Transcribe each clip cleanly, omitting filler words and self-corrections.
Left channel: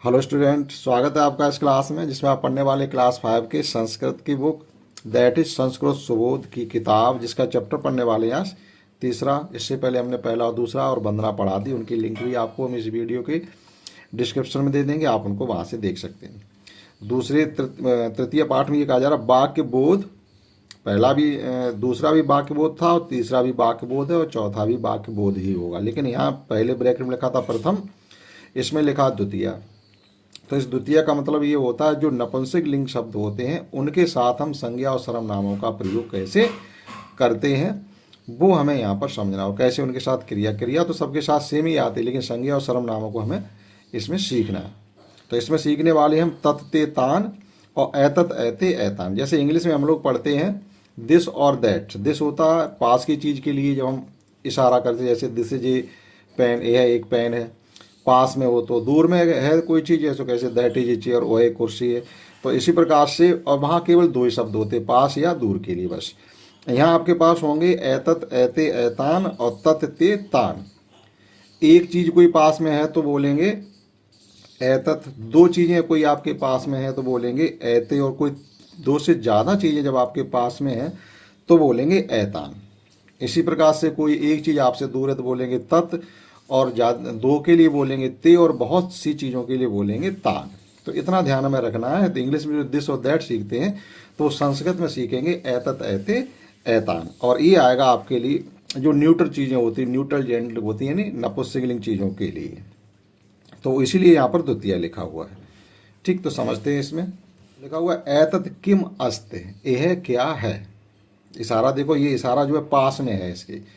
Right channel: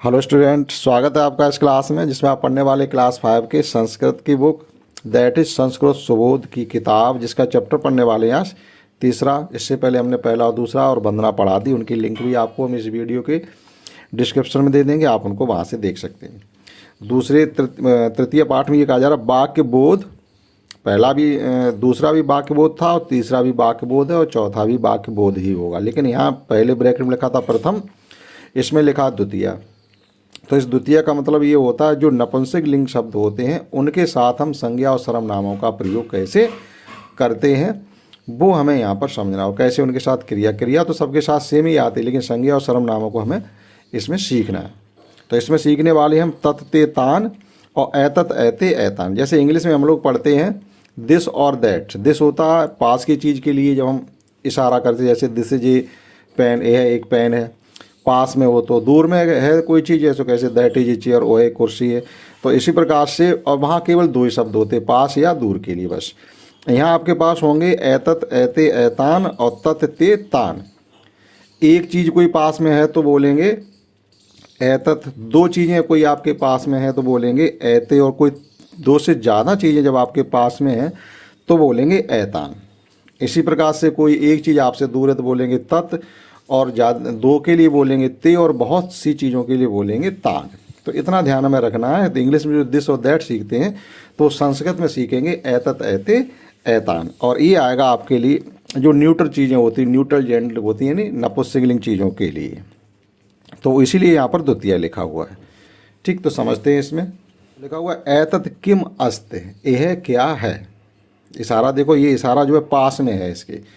Hello student, स्वागत है आपका इस क्लास में जिसमें आप पढ़ने वाले क्लास 5 के संस्कृत की book that is Sanskrit Subodh की किताब जिसका चैप्टर पढ़ने वाले हैं आज तीसरा। इससे पहले हमने पहला और दूसरा और वंदना पढ़ा दी, उनकी लिंक भी आपको हम इस वीडियो के डिस्क्रिप्शन में दे देंगे, आप उनको वहाँ से देख सकते हैं। दूसरे तृतीय पाठ में ये कहा जा रहा वाक्य बोध, पहला भी दूसरा भी वाक्य बोध था और तीसरा भी वाक्य बोध है और चौथा भी वाक्य बोध ही होगा, लेकिन यहाँ पहले ब्रैकेट में लिखा था प्रथम, इसमें लिखा द्वितीय। तो इस द्वितीय का मतलब ये होता है जो नपुंसक लिंग शब्द होते हैं उनके साथ हम संज्ञा और सर्वनामों का प्रयोग कैसे करते हैं वो हमें यहाँ पर समझना हो। कैसे उनके साथ क्रिया तो सबके साथ सेम ही आती है, लेकिन संज्ञा और सर्वनामों को हमें इसमें सीखना है। तो इसमें सीखने वाले हम तत ते तान और ऐतत ऐते ऐतान। जैसे इंग्लिश में हम लोग पढ़ते हैं दिस और दैट। दिस होता है पास की चीज़ के लिए जब हम इशारा करते हैं, जैसे दिस इज ए पेन, यह एक पेन है। पास में हो तो दूर में है कोई चीज़, जैसे कैसे दैट इज ए चेयर, वो है कुर्सी है। तो इसी प्रकार से, और वहाँ केवल दो ही शब्द होते, पास या दूर के लिए बस। यहाँ आपके पास होंगे ऐतत ऐते ऐतान और तत ते तान। एक चीज़ कोई पास में है तो बोलेंगे ऐतत, दो चीज़ें कोई आपके पास में है तो बोलेंगे ऐते, और कोई दो से ज़्यादा चीज़ें जब आपके पास में है तो बोलेंगे ऐतान। इसी प्रकार से कोई एक चीज़ आपसे दूर है तो बोलेंगे तत्, और ज़्यादा दो के लिए बोलेंगे ते, और बहुत सी चीज़ों के लिए बोलेंगे तान। तो इतना ध्यान में रखना है। तो इंग्लिश में जो दिस और दैट सीखते हैं तो संस्कृत में सीखेंगे ऐतत ऐते ऐतान। और ये आएगा आपके लिए जो न्यूट्रल चीज़ें होती हैं, न्यूट्रल जेंडर होती हैं, नहीं नपुंसकलिंग चीज़ों के लिए। तो इसीलिए यहाँ पर द्वितीय लिखा हुआ है। ठीक, तो समझते हैं। इसमें लिखा हुआ है ऐतत किम अस्त, यह क्या है। इशारा देखो, ये इशारा जो है पास में है इसके।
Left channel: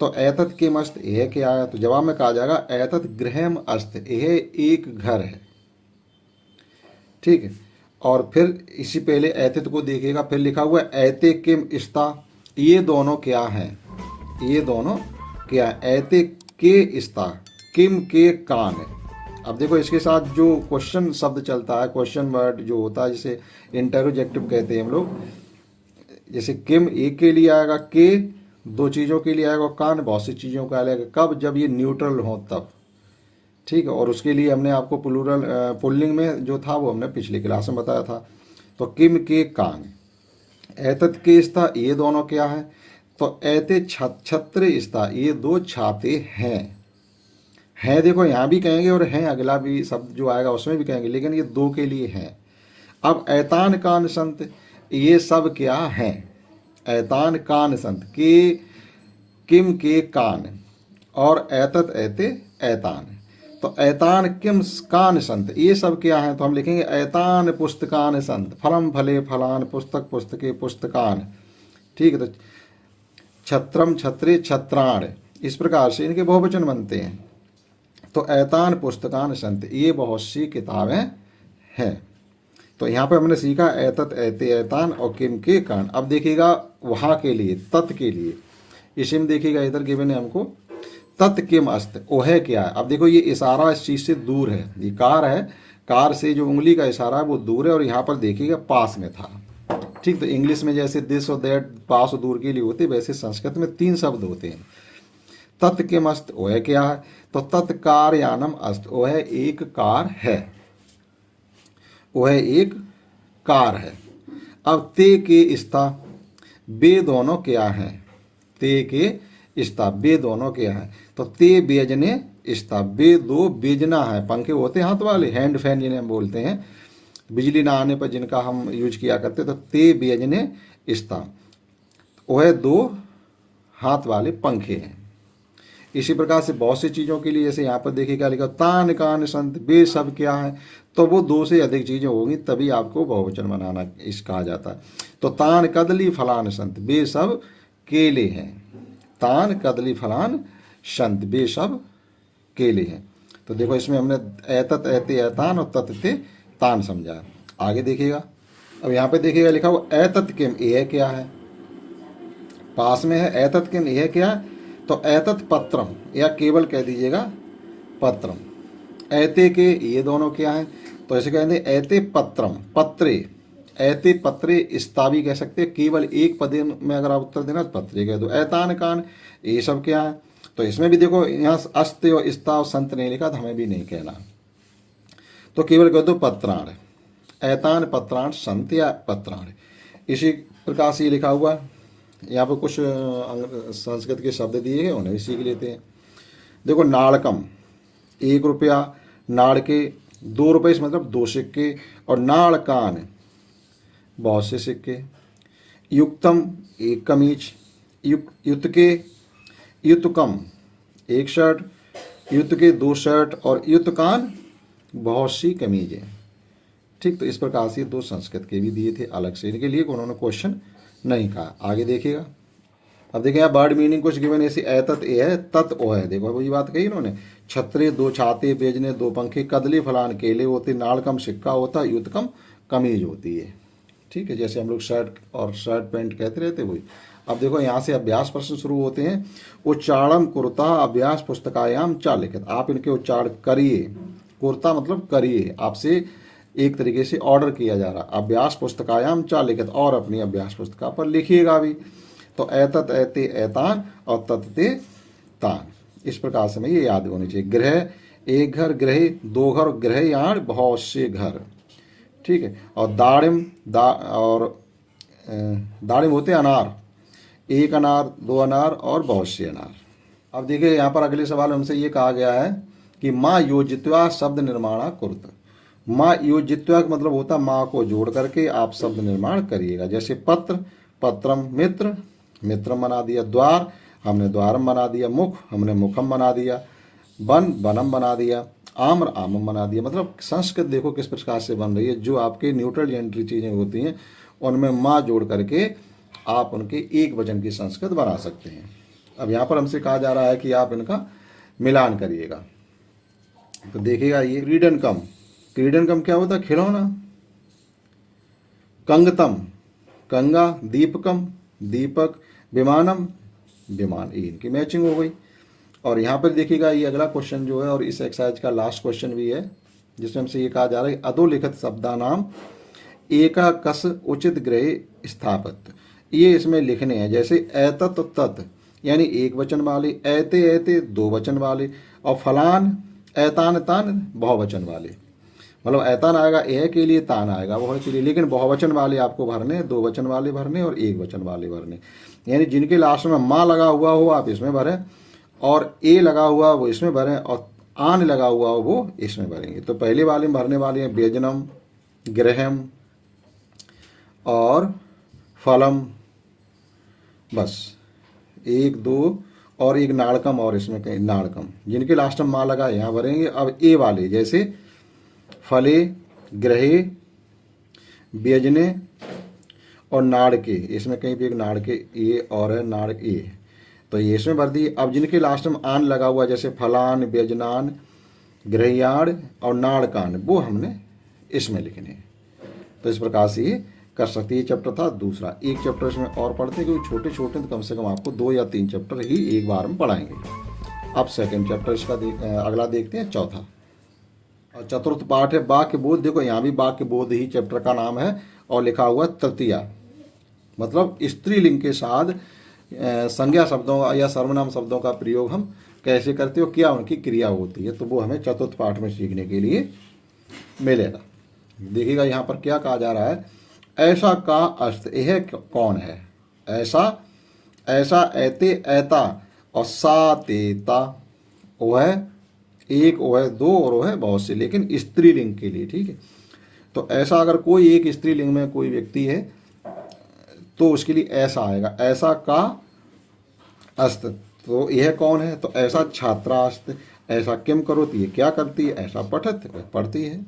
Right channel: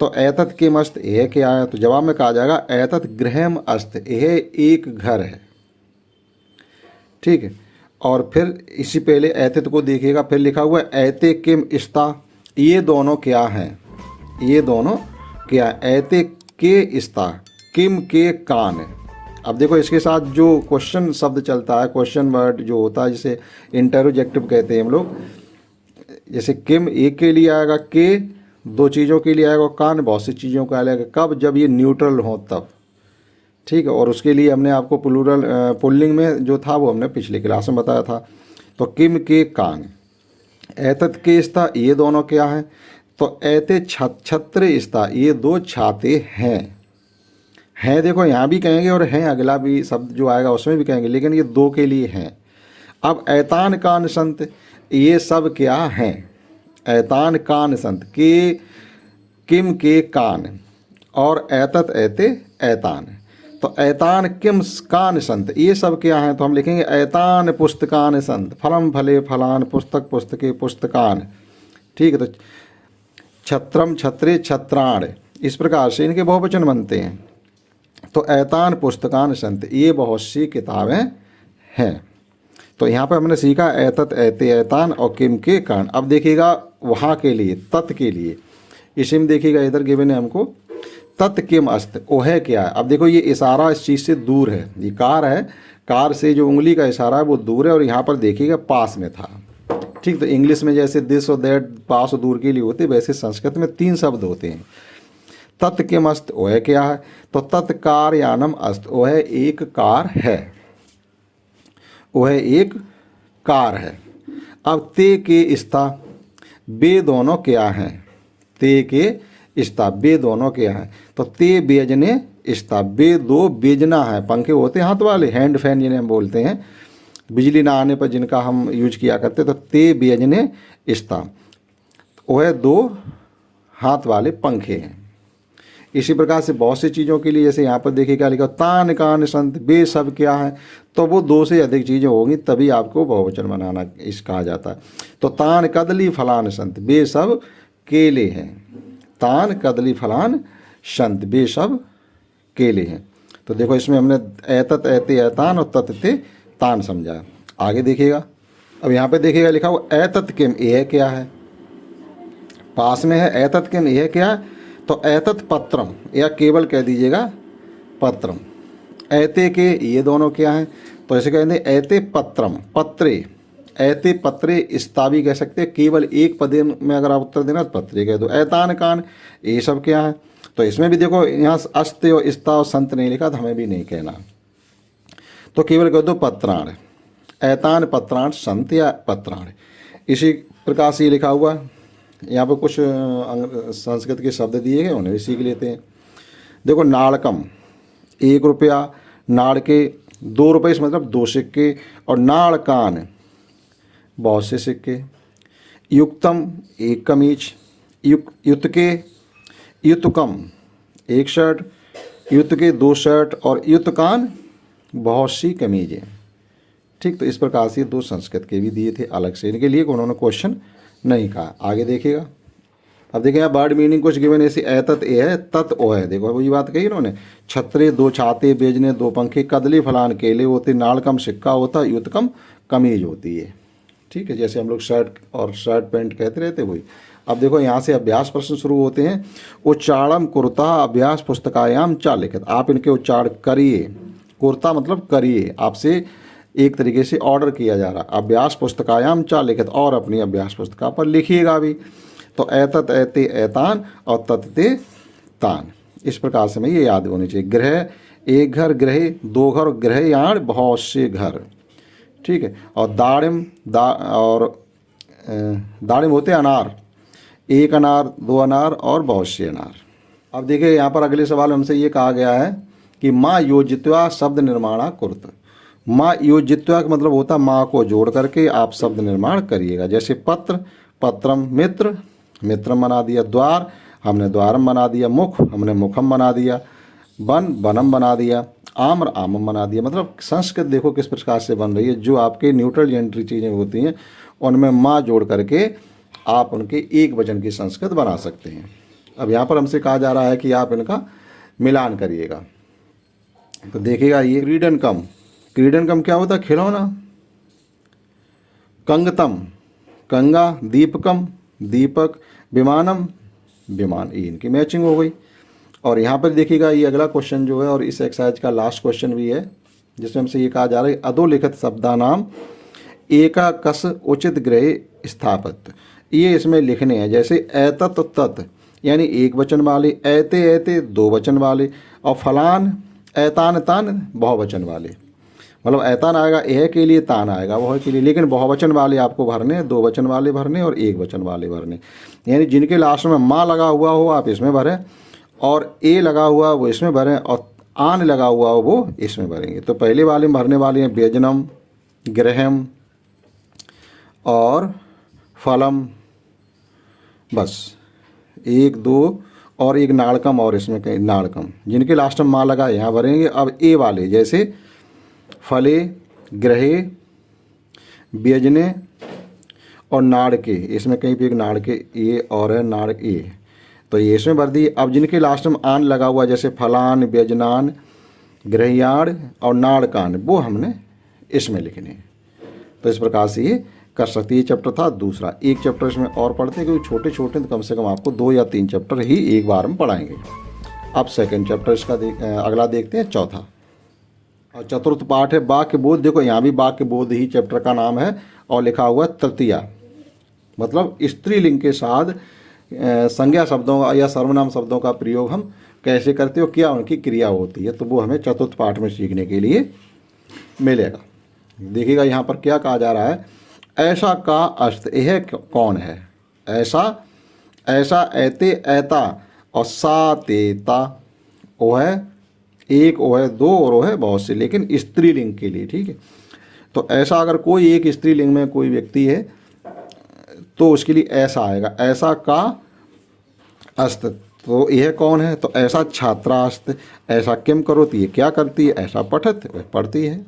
तो ऐतत किम अस्त, यह क्या है। तो जवाब में कहा जाएगा ऐतत गृहम अस्त, यह एक घर है। ठीक है, और फिर इसी पहले ऐतत को देखिएगा, फिर लिखा हुआ है ऐते किम स्ता, ये दोनों क्या हैं। ये दोनों क्या, ऐते के स्ता, किम के कान है। अब देखो इसके साथ जो क्वेश्चन शब्द चलता है, क्वेश्चन वर्ड जो होता है, जिसे इंटरोजेक्टिव कहते हैं हम लोग। जैसे किम एक के लिए आएगा, के दो चीज़ों के लिए आएगा, कान बहुत सी चीज़ों का आएगा। कब, जब ये न्यूट्रल हो तब। ठीक है, और उसके लिए हमने आपको प्लूरल पुल्लिंग में जो था वो हमने पिछले क्लास में बताया था। तो किम के कान, ऐतत के स्ता, ये दोनों क्या है। तो ऐते छत्र स्ता, ये दो छाते हैं। देखो यहाँ भी कहेंगे और हैं अगला भी शब्द जो आएगा उसमें भी कहेंगे, लेकिन ये दो के लिए हैं। अब ऐतान कान संत, ये सब क्या हैं। ऐतान कान संत, के किम के कान, और ऐतत ऐते ऐतान। तो ऐतान किम कान संत, ये सब क्या हैं। तो हम लिखेंगे ऐतान पुस्तकान संत, फलम फले फलान, पुस्तक पुस्तके पुस्तकान। ठीक है, तो छत्रम छत्रे छत्राण, इस प्रकार से इनके बहुवचन बनते हैं। तो ऐतान पुस्तकान संत, ये बहुत सी किताबें हैं। तो यहाँ पर हमने सीखा ऐतत ऐते ऐतान और किम के कान। अब देखिएगा वहाँ के लिए, तत् के लिए, इसी में देखिएगा इधर गिवन है हमको तत् किम अस्त, ओ है क्या है। अब देखो ये इशारा इस चीज़ से दूर है, ये कार है, कार से जो उंगली का इशारा है वो दूर है, और यहाँ पर देखिएगा पास में था। ठीक, तो इंग्लिश में जैसे दिस और दैट पास और दूर के लिए होते, वैसे संस्कृत में तीन शब्द होते हैं। तत् किम अस्त, ओ है क्या है। तो तत्कार यानम अस्त, ओ है एक कार है, वो है एक कार है। अब ते के स्था, बे दोनों क्या हैं। ते के स्था, बे दोनों क्या हैं। तो ते बेजने स्था, बे दो बेजना है। पंखे होते हैं हाथ वाले, हैंड फैन जिन्हें हम बोलते हैं, बिजली ना आने पर जिनका हम यूज किया करते। तो ते बेजने स्था, वो है दो हाथ वाले पंखे हैं। इसी प्रकार से बहुत सी चीज़ों के लिए, जैसे यहाँ पर देखिए क्या लिखा, तान कान संत, बे सब क्या है। तो वो दो से अधिक चीज़ें होंगी तभी आपको बहुवचन बनाना इस कहा जाता है। तो तान कदली फलान संत, बे सब केले हैं। तान कदली फलान संत, बे सब केले हैं। तो देखो इसमें हमने ऐतत ऐते ऐतान और तत ते तान समझा। आगे देखिएगा, अब यहाँ पे देखिएगा लिखा हुआ ऐतत किम, यह क्या है। पास में है ऐतत किम, यह क्या है। तो ऐतत पत्रम, या केवल कह दीजिएगा पत्रम। ऐते के, ये दोनों क्या हैं। तो ऐसे कहते हैं ऐते पत्रम, पत्रे, ऐते पत्रे स्ता भी कह सकते हैं। केवल एक पदे में अगर आप उत्तर देना तो पत्रे कह दो। ऐतान कान, ये सब क्या है। तो इसमें भी देखो यहाँ अस्ते और स्ता और संत नहीं लिखा, तो हमें भी नहीं कहना। तो केवल कह दो पत्राण, एतान पत्राण संत या पत्राण। इसी प्रकार से ये लिखा हुआ, यहाँ पर कुछ संस्कृत के शब्द दिए हैं, उन्हें भी सीख लेते हैं। देखो नाड़कम 1 रुपया, नाड़ के 2 रुपये, इसका मतलब 2 सिक्के, और नाड़कान बहुत से सिक्के। युक्तम 1 कमीज, युतके युतकम 1 शर्ट, युतके 2 शर्ट, और युतकान बहुत सी कमीजें। ठीक, तो इस प्रकार से 2 संस्कृत के भी दिए थे अलग से, इनके लिए उन्होंने क्वेश्चन नहीं कहा। आगे देखिएगा, अब देखिए यहाँ वर्ड मीनिंग कुछ गिवन ऐसे एतत ए है, तत् ओ है। देखो वही बात कही उन्होंने, छतरे 2 छाते, बेजने 2 पंखे, कदली फलान केले होते, नाड़कम सिक्का होता, युतकम कमीज होती है। ठीक है, जैसे हम लोग शर्ट और शर्ट पैंट कहते रहते वही। अब देखो यहाँ से अभ्यास प्रश्न शुरू होते हैं। उच्चारण कुर्ता अभ्यास पुस्तकायाम चा लिखित। आप इनके उच्चारण करिए। कुर्ता मतलब करिए, आपसे एक तरीके से ऑर्डर किया जा रहा। अभ्यास पुस्तकायाम चा लिखित, और अपनी अभ्यास पुस्तिका पर लिखिएगा भी। तो एतत एते एतान और तत्ते तान, इस प्रकार से हमें ये याद होनी चाहिए। गृह 1 घर, गृह 2 घर, गृहयाण बहुत से घर। ठीक है, और दाड़िम दाड़िम होते अनार, 1 अनार, 2 अनार और बहुत से अनार। अब देखिए यहाँ पर अगले सवाल हमसे ये कहा गया है कि माँ योजित्वा शब्द निर्माणा कुर्त। माँ योजित्वा का मतलब होता है माँ को जोड़ करके आप शब्द निर्माण करिएगा। जैसे पत्र, पत्रम, मित्र, मित्रम बना दिया, द्वार, हमने द्वारम बना दिया, मुख, हमने मुखम बना दिया, वन, वनम बना दिया, आम्र, आमम बना दिया। मतलब संस्कृत देखो किस प्रकार से बन रही है। जो आपके न्यूट्रल जेंडरी चीज़ें होती हैं उनमें माँ जोड़ करके आप उनके एक वचन की संस्कृत बना सकते हैं। अब यहाँ पर हमसे कहा जा रहा है कि आप इनका मिलान करिएगा। तो देखिएगा ये क्रीडनकम, क्रीडनकम क्या होता है? खिलौना। कंगतम, कंगा, दीपकम, दीपक, विमानम, विमान। ये इनकी मैचिंग हो गई। और यहाँ पर देखिएगा ये अगला क्वेश्चन जो है, और इस एक्सरसाइज का लास्ट क्वेश्चन भी है, जिसमें हमसे ये कहा जा रहा है अधोलिखित शब्दानाम एकाकस उचित ग्रह स्थापित। ये इसमें लिखने हैं। जैसे एतत तत् यानी एक वचन वाले, ऐते ऐते 2 वचन वाले, और फलान ऐतान तान बहुवचन वाले। मतलब ऐतान आएगा एह के लिए, तान आएगा वह के लिए, लेकिन बहुवचन वाले आपको भरने, 2 वचन वाले भरने और 1 वचन वाले भरने। यानी जिनके लास्ट में माँ लगा हुआ हो आप इसमें भरें, और ए लगा हुआ वो इसमें भरें, और आन लगा हुआ हो वो इसमें भरेंगे। तो पहले वाले में भरने वाले हैं व्यजनम, ग्रहम और फलम, बस 1 2 और 1 नाड़कम, और इसमें कहीं नाड़कम। जिनके लास्ट में माँ लगा यहाँ भरेंगे। अब ए वाले जैसे फले, ग्रहे, व्यजने और नाड़के, इसमें कहीं भी एक नाड़के ये और है नाड़ ए, तो ये इसमें भर दिए। अब जिनके लास्ट में आन लगा हुआ जैसे फलान, व्यजनान, गृहयाण और नाड़कान, वो हमने इसमें लिखने। तो इस प्रकार से ये कर सकते। ये चैप्टर था दूसरा। एक चैप्टर इसमें और पढ़ते हैं क्योंकि छोटे छोटे, तो कम से कम आपको 2 या 3 चैप्टर ही एक बार में पढ़ाएंगे। अब सेकंड चैप्टर इसका अगला देखते हैं, चौथा और चतुर्थ पाठ है वाक्य बोध। देखो यहाँ भी वाक्य बोध ही चैप्टर का नाम है, और लिखा हुआ है तृतीया, मतलब स्त्रीलिंग के साथ संज्ञा शब्दों या सर्वनाम शब्दों का प्रयोग हम कैसे करते हो, क्या उनकी क्रिया होती है, तो वो हमें चतुर्थ पाठ में सीखने के लिए मिलेगा। देखिएगा यहाँ पर क्या कहा जा रहा है, ऐसा का अर्थ यह कौन है। ऐसा, ऐसा, ऐते, ऐता और सा, तेता। ओ है एक, ओ है 2 और ओ है बहुत से, लेकिन स्त्रीलिंग के लिए। ठीक है, तो ऐसा अगर कोई एक स्त्रीलिंग में कोई व्यक्ति है तो उसके लिए ऐसा आएगा। ऐसा का अस्त, तो यह कौन है, तो ऐसा छात्रास्त। ऐसा किम करो, तो ये क्या करती है, ऐसा पठत, वह पढ़ती है।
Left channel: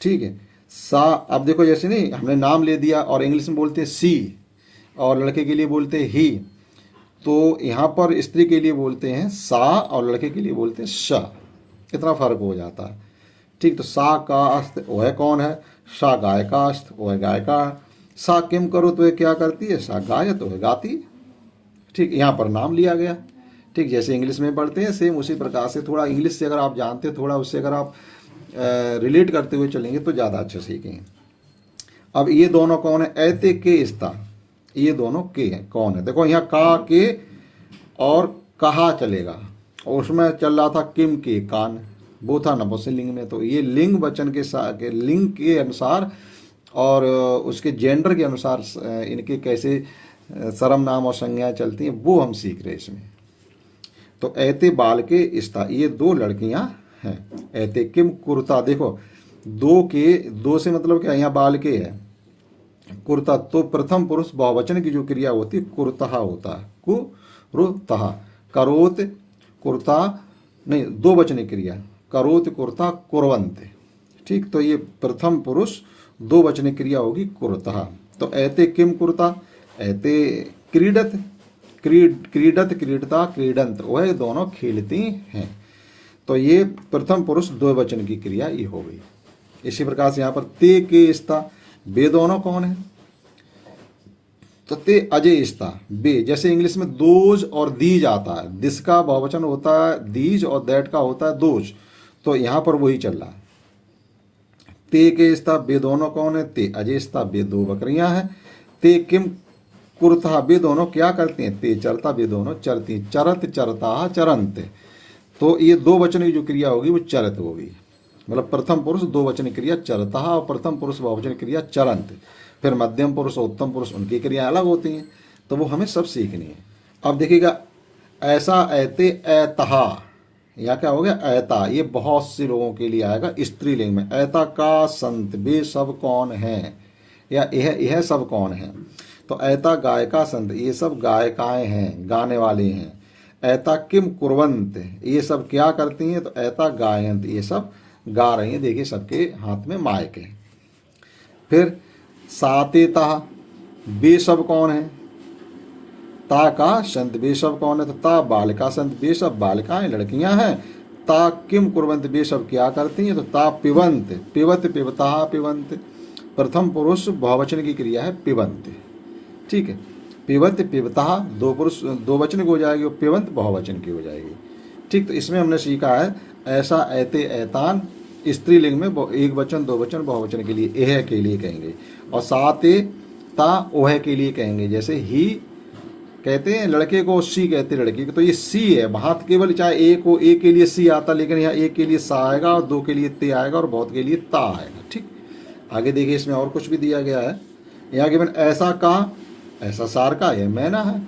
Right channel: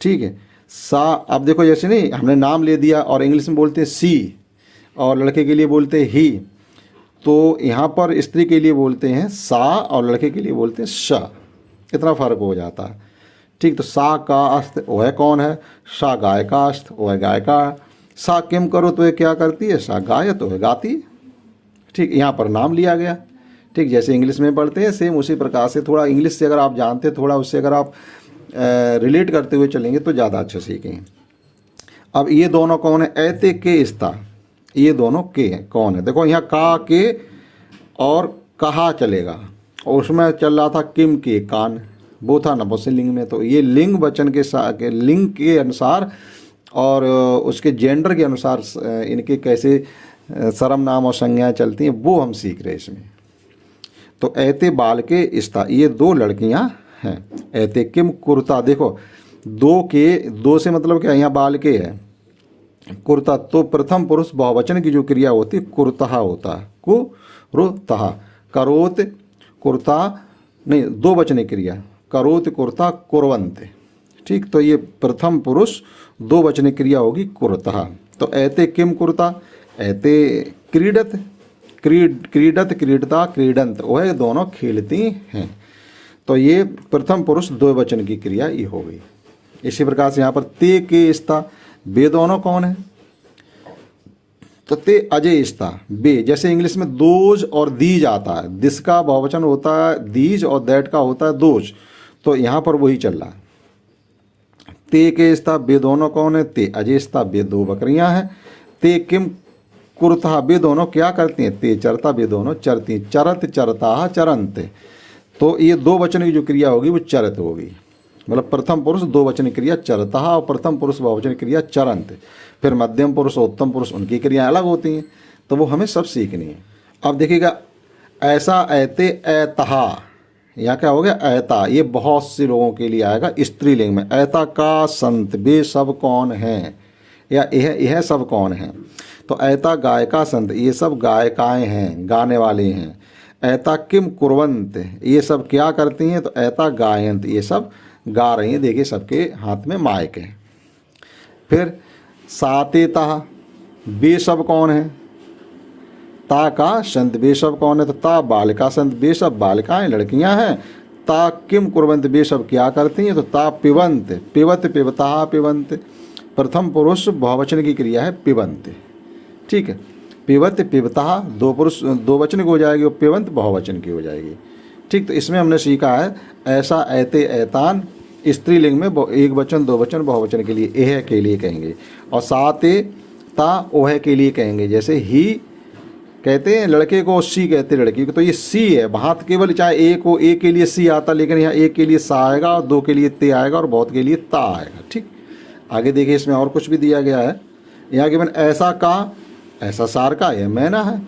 ठीक है, सा, अब देखो जैसे नहीं हमने नाम ले दिया और इंग्लिश में बोलते हैं सी, और लड़के के लिए बोलते हैं ही, तो यहाँ पर स्त्री के लिए बोलते हैं सा और लड़के के लिए बोलते हैं श। इतना फर्क हो जाता है। ठीक, तो सा का अस्त, वह कौन है, सा गाय का अस्त, वह गाय का। सा किम करो, तो ये क्या करती है, सा गाय, तो वह गाती है। ठीक, यहाँ पर नाम लिया गया। ठीक, जैसे इंग्लिश में पढ़ते हैं सेम उसी प्रकार से, थोड़ा इंग्लिश से अगर आप जानते, थोड़ा उससे अगर आप रिलेट करते हुए चलेंगे तो ज़्यादा अच्छा सीखेंगे। अब ये दोनों कौन है, ऐते के स्ता, ये दोनों के हैं कौन है। देखो यहाँ का के और कहा चलेगा, और उसमें चल रहा था किम के कान, वो था नपुंसकलिंग में। तो ये लिंग वचन के लिंग के अनुसार और उसके जेंडर के अनुसार इनके कैसे सर्वनाम और संज्ञाएं चलती हैं वो हम सीख रहे हैं इसमें। तो ऐते बाल के स्था, ये 2 लड़कियां हैं। ऐते किम कुर्ता, देखो 2 से मतलब क्या, यहाँ बाल के है कुर्ता। तो प्रथम पुरुष बहुवचन की जो क्रिया होती है कुर्तः होता है, कुरुतः। करोत कुर्ता नहीं, 2 वचन क्रिया, करोत कुर्ता कुर्वन्त। ठीक, तो ये प्रथम पुरुष 2 वचन क्रिया होगी कुर्तः। तो ऐते किम कुर्ता, ऐते क्रीडत, क्रीडत क्रीडता क्रीडंत, वह दोनों खेलती हैं। तो ये प्रथम पुरुष 2 वचन की क्रिया ये हो गई। इसी प्रकार से यहाँ पर ते के स्था, वे दोनों कौन है, तो ते अजय स्था बे। जैसे इंग्लिश में दोज और दीज आता है, दिस का बहुवचन होता है दीज और दैट का होता है दोज, तो यहाँ पर वही चल रहा है। ते के स्था, वे दोनों कौन है, ते अजय स्था, वे 2 बकरियां हैं। ते किम कुर्ता, वे दोनों क्या करती हैं, ते चरता, वे दोनों चरती। चरत चरता चरंत, तो ये 2 वचन की जो क्रिया होगी वो चरत होगी। मतलब प्रथम पुरुष 2 वचन क्रिया चरता और प्रथम पुरुष बहुवचन क्रिया चरंत। फिर मध्यम पुरुष और उत्तम पुरुष उनकी क्रियाएं अलग होती हैं, तो वो हमें सब सीखनी है। अब देखिएगा, ऐसा ऐते ऐतहा, यहाँ क्या हो गया ऐता, ये बहुत से लोगों के लिए आएगा स्त्रीलिंग में। ऐता का संत, वे सब कौन हैं, या यह सब कौन है। तो ऐता गायका संत, ये सब गायिकाएं हैं, गाने वाले हैं। ऐता किम कुर्वंत, ये सब क्या करती हैं, तो ऐता गायंत, ये सब गा रही हैं। देखिए सबके हाथ में माइक है। फिर सातेता, वे सब कौन है, ता का संत, वे सब कौन है, तो ता बालिका संत, वे सब बालिकाएं लड़कियां हैं। ता किम कुर्वंत, वे सब क्या करती हैं, तो ता पिबंत, पिबत पिबता पिबंत। प्रथम पुरुष बहुवचन की क्रिया है पिबंत। ठीक है, पिबत पिबता 2 पुरुष 2 वचन की हो जाएगी और पिबंत बहुवचन की हो जाएगी। ठीक, तो इसमें हमने सीखा है ऐसा ऐते ऐतान स्त्रीलिंग में 1 वचन 2 वचन बहुवचन के लिए एह के लिए कहेंगे, और साते ता ओह के लिए कहेंगे। जैसे ही कहते हैं लड़के को, सी कहते हैं लड़की को, तो ये सी है। वहाँ केवल चाहे एक को एक के लिए सी आता, लेकिन यहाँ एक के लिए सा आएगा और 2 के लिए ते आएगा और बहुत के लिए ता आएगा। ठीक, आगे देखिए इसमें और कुछ भी दिया गया है। यहाँ केवल ऐसा का, ऐसा सार का, यह मैना है।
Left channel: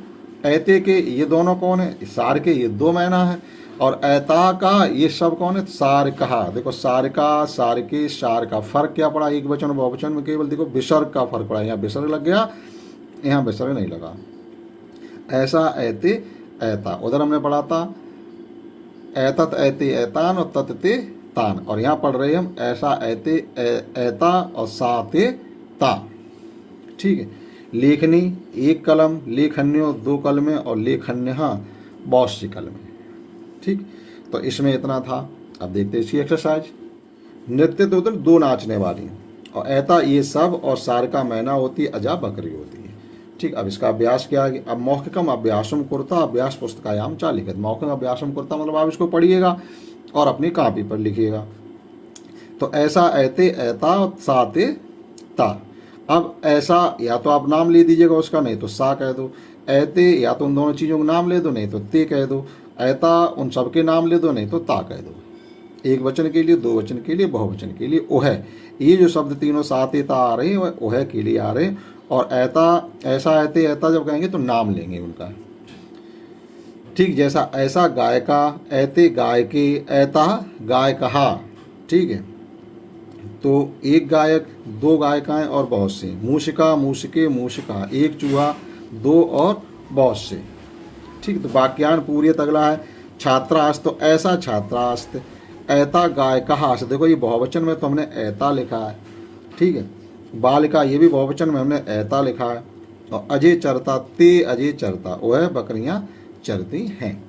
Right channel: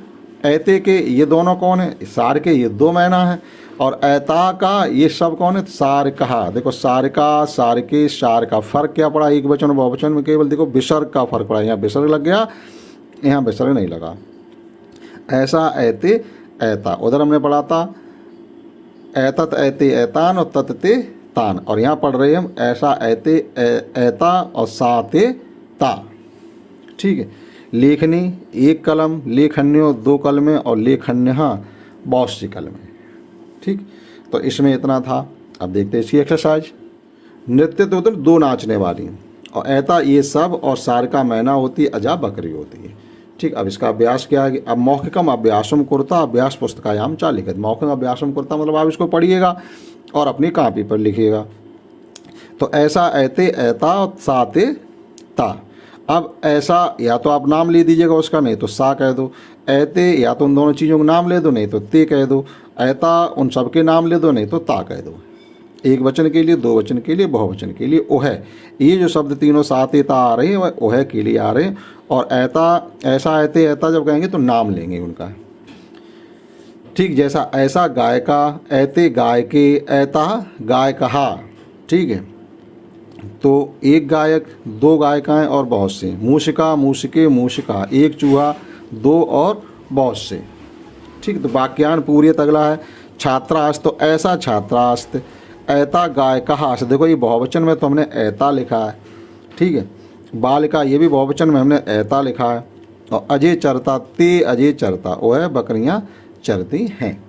ऐते के, ये दोनों कौन है, सार के, ये 2 मैना है। और ऐता का, ये सब कौन है, सार कहा। देखो सार का, सार के, सार का फर्क क्या पड़ा, एक वचन और बहुवचन में केवल देखो विसर्ग का फर्क पड़ा। यहाँ विसर्ग लग गया, यहाँ विसर्ग नहीं लगा। ऐसा ऐते ऐता, उधर हमने पढ़ा था ऐतत ऐते ऐतान और ततते तान, और यहाँ पढ़ रहे हम ऐसा ऐते ऐता और साते ता। ठीक है, लेखनी 1 कलम, लेखन्यो 2 कलमें और लेखन्य बहुत सी कलमें। ठीक, तो इसमें इतना था। अब देखते हैं इसकी एक्सरसाइज। नृत्य तो उधर 2 नाचने वाली, और ऐता ये सब, और सार का मैना होती है, अजा बकरी होती है। ठीक, अब इसका अभ्यास क्या है, अब मौखिकम अभ्यासम कुर्ता अभ्यास पुस्तकायाम चालिकत। मौखिक अभ्यासम कुर्ता मतलब आप इसको पढ़िएगा और अपनी कॉपी पर लिखिएगा। तो ऐसा ऐते ऐता साते ता। अब ऐसा या तो आप नाम ले दीजिएगा उसका, नहीं तो सा कह दो। ऐते या तो उन दोनों चीज़ों का नाम ले दो, नहीं तो ते कह दो। ऐता उन सब के नाम ले दो, नहीं तो ता कह दो। 1 वचन के लिए, 2 वचन के लिए, बहुवचन के लिए ओह। ये जो शब्द तीनों साते ता आ रहे हैं वह ओह के लिए आ रहे हैं। और ऐता, ऐसा ऐते ऐता जब कहेंगे तो नाम लेंगे उनका। ठीक, जैसा ऐसा गायका, ऐते गायके, ऐता गायकहा। ठीक है, तो 1 गायक, 2 गायिकाएं और बहुत से। मूषिका मूषिके मूषिका, 1 चूहा, 2 और बहुत से। ठीक, तो वाक्यान पूरियत अगला है। छात्रास्त, तो ऐसा छात्रास्त। ऐता गायकहास, देखो ये बहुवचन में तो हमने ऐता लिखा है। ठीक है, बालिका ये भी बहुवचन में हमने ऐता लिखा है। और अजय चरता, ते अजय चरता, वह बकरियां चरती हैं।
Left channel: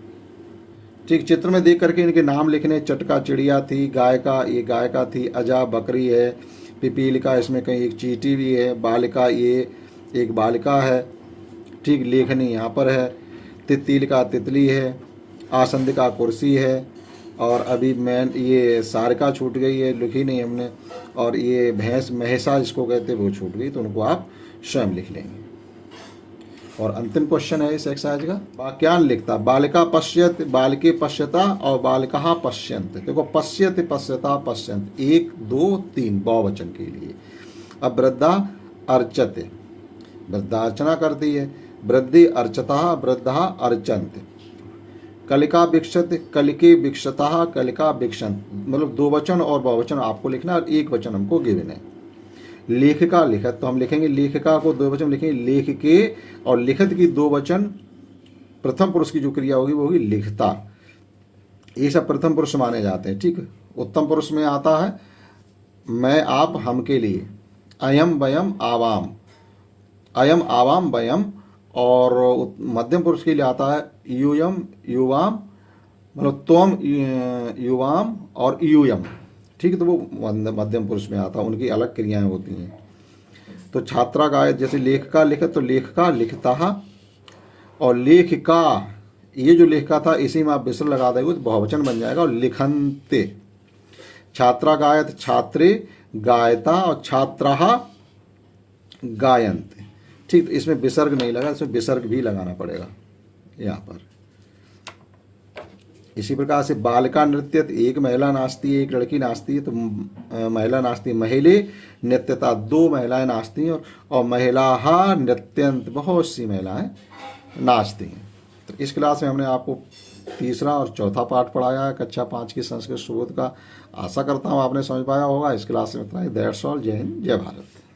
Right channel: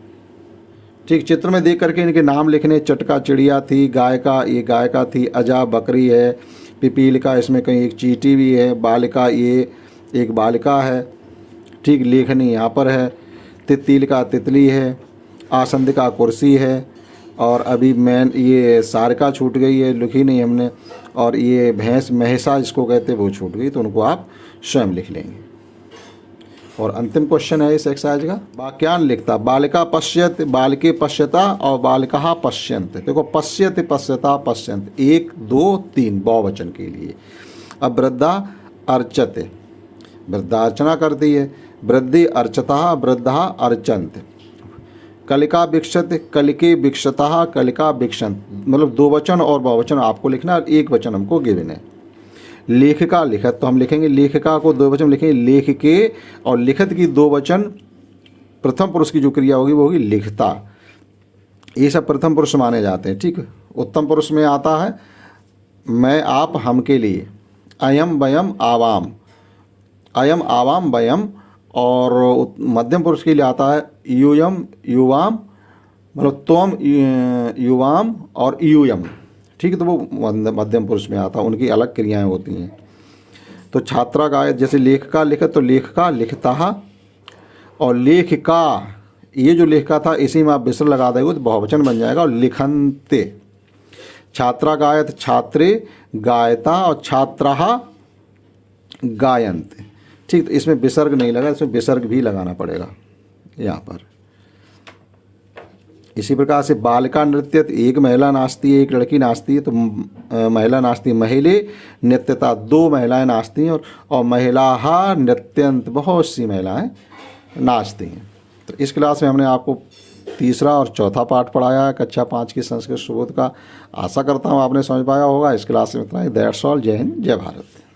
ठीक, चित्र में देख करके इनके नाम लिखने। चटका चिड़िया थी, गायका ये गायका थी, अजा बकरी है, पिपीलिका इसमें कहीं एक चींटी भी है, बालिका ये एक बालिका है। ठीक, लेखनी यहाँ पर है, तितलिका तितली है, आसंदिका कुर्सी है, और अभी मैन ये सारिका छूट गई है, लिखी नहीं हमने। और ये भैंस महिषा जिसको कहते हैं वो छूट गई, तो उनको आप स्वयं लिख लेंगे। और अंतिम क्वेश्चन है इस एक्सरसाइज का, वाक्यांश लिखता। बालिका पश्यत, बालिके पश्यता और बालिका पश्यन्त। देखो पश्यत, पश्यता, पश्यन्त 1 2 3 बहुवचन के लिए। अब वृद्धा अर्चते, वृद्धा अर्चना करती है। वृद्धि अर्चता, वृद्धा अर्चन्त। कलिका विक्षत, कलिके विक्षता, कलिका विक्षन्त। मतलब 2 वचन और बहुवचन आपको लिखना है, 1 वचन हमको गिवन है। लेखिका लिखत, तो हम लिखेंगे लेखिका को 2 वचन लिखेंगे लेखिके, और लिखत की 2 वचन प्रथम पुरुष की जो क्रिया होगी वो होगी लिखता। ये सब प्रथम पुरुष माने जाते हैं, ठीक है। उत्तम पुरुष में आता है मैं आप हम के लिए, अयम वयम आवाम, अयम आवाम वयम। और मध्यम पुरुष के लिए आता है यूयम युवाम, मतलब त्वम युवाम और यूयम, ठीक है। तो वो मध्यम पुरुष में आता है, उनकी अलग क्रियाएं होती हैं। तो छात्रा गायत, जैसे लेखिका लिखत तो लेखिका लिखता, और लेखिका, ये जो लेखिका था इसी में आप विसर्ग लगा देंगे तो बहुवचन बन जाएगा, और लिखन्ते। छात्रा गायत, छात्रे गायता, और छात्राः गायन्ते, ठीक। तो इसमें विसर्ग नहीं लगा, इसमें विसर्ग भी लगाना पड़ेगा यहाँ पर। इसी प्रकार से बालिका नृत्य, एक महिला नाचती है, एक लड़की नाचती है, तो महिला नाचती है। महिले नृत्यता, 2 महिलाएं नाचती हैं, और महिला नृत्यंत, बहुत सी महिलाएं नाचती हैं। तो इस क्लास में हमने आपको तीसरा और चौथा पाठ पढ़ाया है कक्षा 5 की संस्कृत सुबोध का। आशा करता हूँ आपने समझ पाया होगा। इस क्लास में इतना ही। That's all. जय हिंद, जय भारत।